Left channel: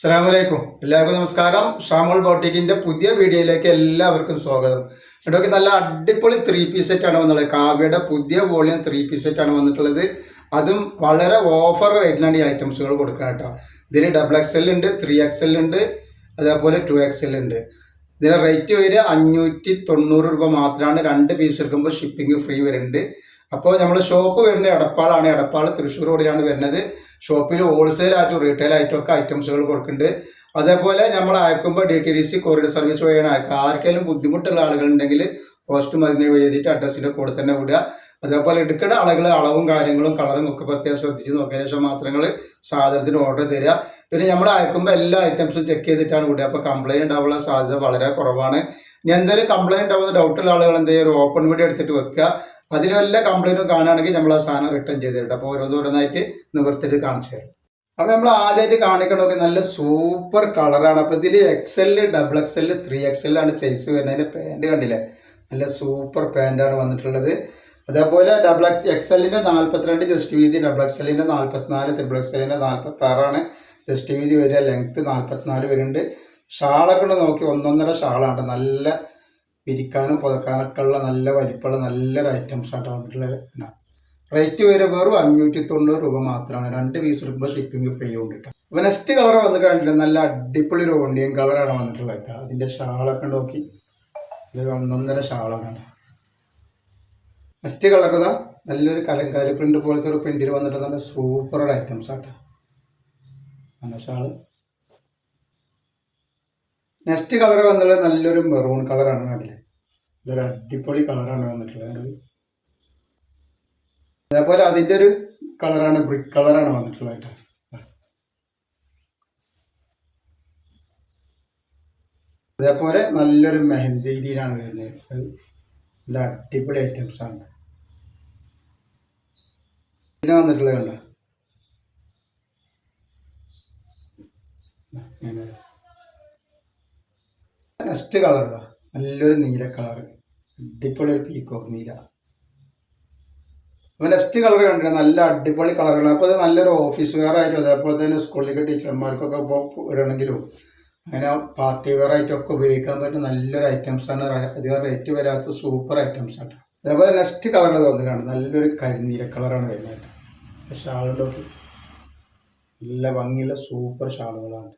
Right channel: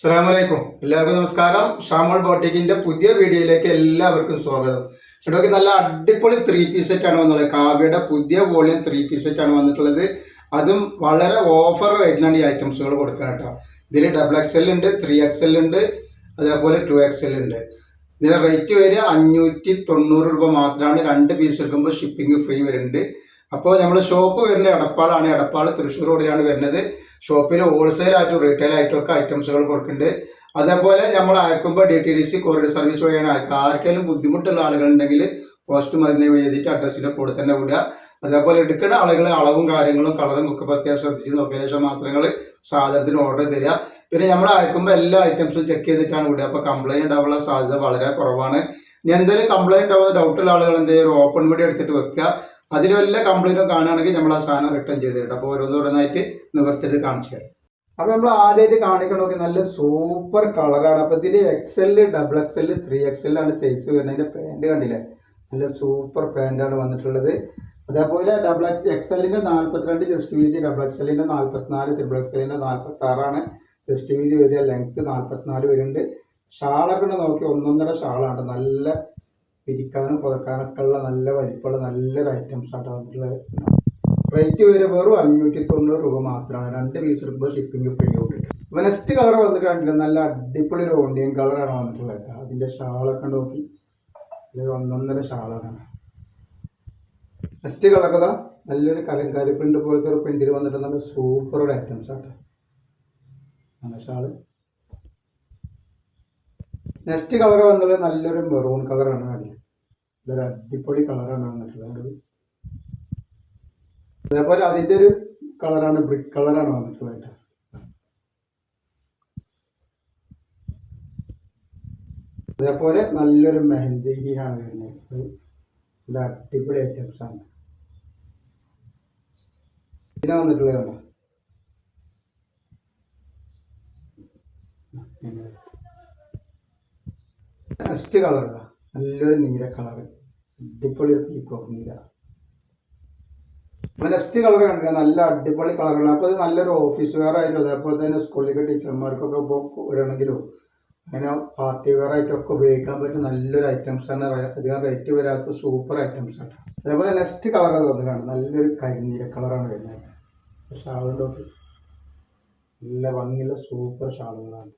അസ്സലാമലൈക്കും. എല്ലാവർക്കും നമസ്കാരം. ഷാമോൾ ബോട്ടിക്കിന്റെ പുതിയ വീഡിയോയിലേക്ക് എല്ലാവർക്കും സ്വാഗതം. ഇതൊക്കെ നല്ല അടിപൊളി 3 പീസ് സെറ്റ് ആണ് വന്നുള്ളത്. കാവ്യയുടെ പുതിയ വോളിയം 3 പീസ് സെറ്റ് ആണ് വന്നിട്ടുള്ളത്. അതും വളരെ ഓഫർ റേറ്റിലാണ് ഈ ഐറ്റംസുകൾ കൊടുക്കുന്നത് കേട്ടോ. ഇതിൽ XXL ഉണ്ട്, 3XL ഉണ്ട്, അതേപോലെ 2XL ഉണ്ട്. ഇതിന് റേറ്റ് വരിക 590 രൂപ മാത്രമാണ്. 2 പീസ് എടുക്കുമ്പോൾ ഷിപ്പിംഗ് ഫ്രീ വരുന്നുണ്ട്. അപ്പോൾ നമ്മൾ ഷോപ്പ് വരുന്നത് എടപ്പാളാണ്. എടപ്പാൾ തൃശ്ശൂർ റോഡിലാണ് വരുന്നത്. ഷോപ്പിൽ ഹോൾസെയിൽ ആയിട്ടും റീറ്റെയിൽ ആയിട്ടും ഒക്കെ ഐറ്റംസുകൾ കൊടുക്കുന്നുണ്ട്. അതേപോലെ നമ്മൾ അയക്കുമ്പോൾ DTDC കൊറിയർ സർവീസ് വഴിയാണ് അയക്കുക. ആർക്കെങ്കിലും ബുദ്ധിമുട്ടുള്ള ആളുകളുണ്ടെങ്കിൽ പോസ്റ്റ് മതിനെ എഴുതിയിട്ട് അഡ്രസ്സിൻ്റെ കൂടെ തന്നെ വിടുക. അതേപോലെ എടുക്കുന്ന ആളുകൾ അളവും കാര്യങ്ങളും കളറും ഒക്കെ പ്രത്യേകം ശ്രദ്ധിച്ച് നോക്കിയതിനു ശേഷം മാത്രങ്ങൾ സാധനത്തിന് ഓർഡർ തരിക. പിന്നെ നമ്മൾ അയക്കുമ്പോൾ എല്ലാ ഐറ്റംസും ചെക്ക് ചെയ്തിട്ടാണ് വിടുക. അപ്പോൾ കംപ്ലൈൻറ്റ് ഉണ്ടാവാനുള്ള സാധ്യത വളരെ കുറവാണ്. ഇനി എന്തെങ്കിലും കംപ്ലൈൻറ്റ് ഉണ്ടാവുന്ന ഡൗട്ടുള്ള ആളുകൾ എന്തെങ്കിലും ഒരു ഓപ്പൺ വീഡിയോ എടുത്തിട്ട് വെക്കുക. അതിൽ വല്ല കംപ്ലൈൻറ്റും കാണുകയാണെങ്കിൽ നമ്മൾ ആ സാധനം റിട്ടേൺ ചെയ്ത് തരും. അപ്പോൾ ഓരോന്നോരോന്നായിട്ട് നിവർത്തിട്ട് കാണിച്ചു തരും. അപ്പോൾ നമ്മൾ ആദ്യമായിട്ട് കാണിക്കണമെങ്കിൽ നല്ല സൂപ്പർ കളറാണ്. അപ്പോൾ ഇതിൽ XL, XXL, 3XL ആണ് സൈസ് വരുന്നത്. അതിൻ്റെ പാൻറ് കണ്ടില്ലേ, നല്ല സൂപ്പർ പാൻറ്റാണ് വന്നിട്ടുള്ളത്. അതേപോലെ XXLൻ്റെ 42 ജസ്റ്റ് വീതി, XXLൻ്റെ 44, XXLൻ്റെ 46 ജസ്റ്റ് വീതി വരിക. ലെങ്ത്ത് 44 വരുന്നുണ്ട്. ഷാളൊക്കെ നോക്കി ഒന്നൊന്നര ഷാളാണ്. നല്ല പിരിക്കാനും പുതക്കാനൊക്കെ ഉള്ള നല്ല വലിപ്പമുള്ള നല്ലൊരു ഐറ്റംസ് ആയിട്ട് വന്നിട്ടുള്ളത്. റേറ്റ് വരെ വെറും 590 രൂപ മാത്രമാണ്. 2 പീസ് എടുക്കുമ്പോൾ ഷിപ്പിംഗ് ഫ്രീ കൊണ്ടിട്ട്. അപ്പോൾ നെക്സ്റ്റ് കളർ വന്നിട്ട് കണ്ടില്ല, നല്ല അടിപൊളി ഒരു ഓണിയൻ കളറാണ് വന്നിട്ടുള്ളത്. അതിൻ്റെ ഷാളൊക്കെ നോക്കി ഇതൊരു ഒന്നൊന്നര ഷാളാണ്. നെക്സ്റ്റ് കളർ ഇതാ നല്ലൊരു കലങ്കാരി പ്രിന്റ് പോലത്തെ ഒരു പ്രിന്റിൽ വന്നിട്ട് നല്ല സൂപ്പർ ഒരു ഐറ്റംസ് ആട്ടോ നല്ല ഷാള്. നെക്സ്റ്റ് കളർ വന്നിട്ടുള്ളത് നല്ലൊരു മെറൂൺ കളറാണ്. കണ്ടില്ലേ, ഇതൊരു അടിപൊളി കളറാണ് വന്നിട്ടുള്ളത്. അതേപോലെ അതിൻ്റെ ഒരു കളറാണ് ബ്രിക്ക് കളറാണ് വന്നിട്ടുള്ളത്. അതേപോലെ നല്ലൊരു മെഹന്തി ഗ്രീനാണ് വരുന്നത്. നല്ല അടിപൊളി ഐറ്റംസ് ആണ്. പിന്നെ വന്നിട്ടുള്ളത് കണ്ടോ, നെക്സ്റ്റ് കളർ ഇതാ നല്ലൊരു നീല കളർ, അടിപൊളി ഒരു പീക്കോക്ക് നീല. അപ്പോൾ നെക്സ്റ്റ് കളർ കണ്ടില്ല, നല്ല അടിപൊളി കളറാണ്. അപ്പോൾ ഇത് നല്ലൊരു ഓഫീസ് വെയർ ആയിട്ടും അതേപോലെ തന്നെ സ്കൂളിലേക്ക് ടീച്ചർമാർക്കൊക്കെ ഇപ്പോൾ ഇടണമെങ്കിലും അങ്ങനെ പാർട്ടി വെയർ ആയിട്ടൊക്കെ ഉപയോഗിക്കാൻ പറ്റുന്ന നല്ലൊരു ഐറ്റംസാണ്. അധികം റേറ്റ് വരാത്ത സൂപ്പർ ഐറ്റംസ് ആണ്. അതേപോലെ നെക്സ്റ്റ് കളർ തോന്നുന്നതാണ് നല്ലൊരു കരിനീല കളറാണ് വരുന്നത്. ഷാൾ നോക്കി നല്ല ഭംഗിയുള്ള സൂപ്പർ ഷാളുകളാണ്.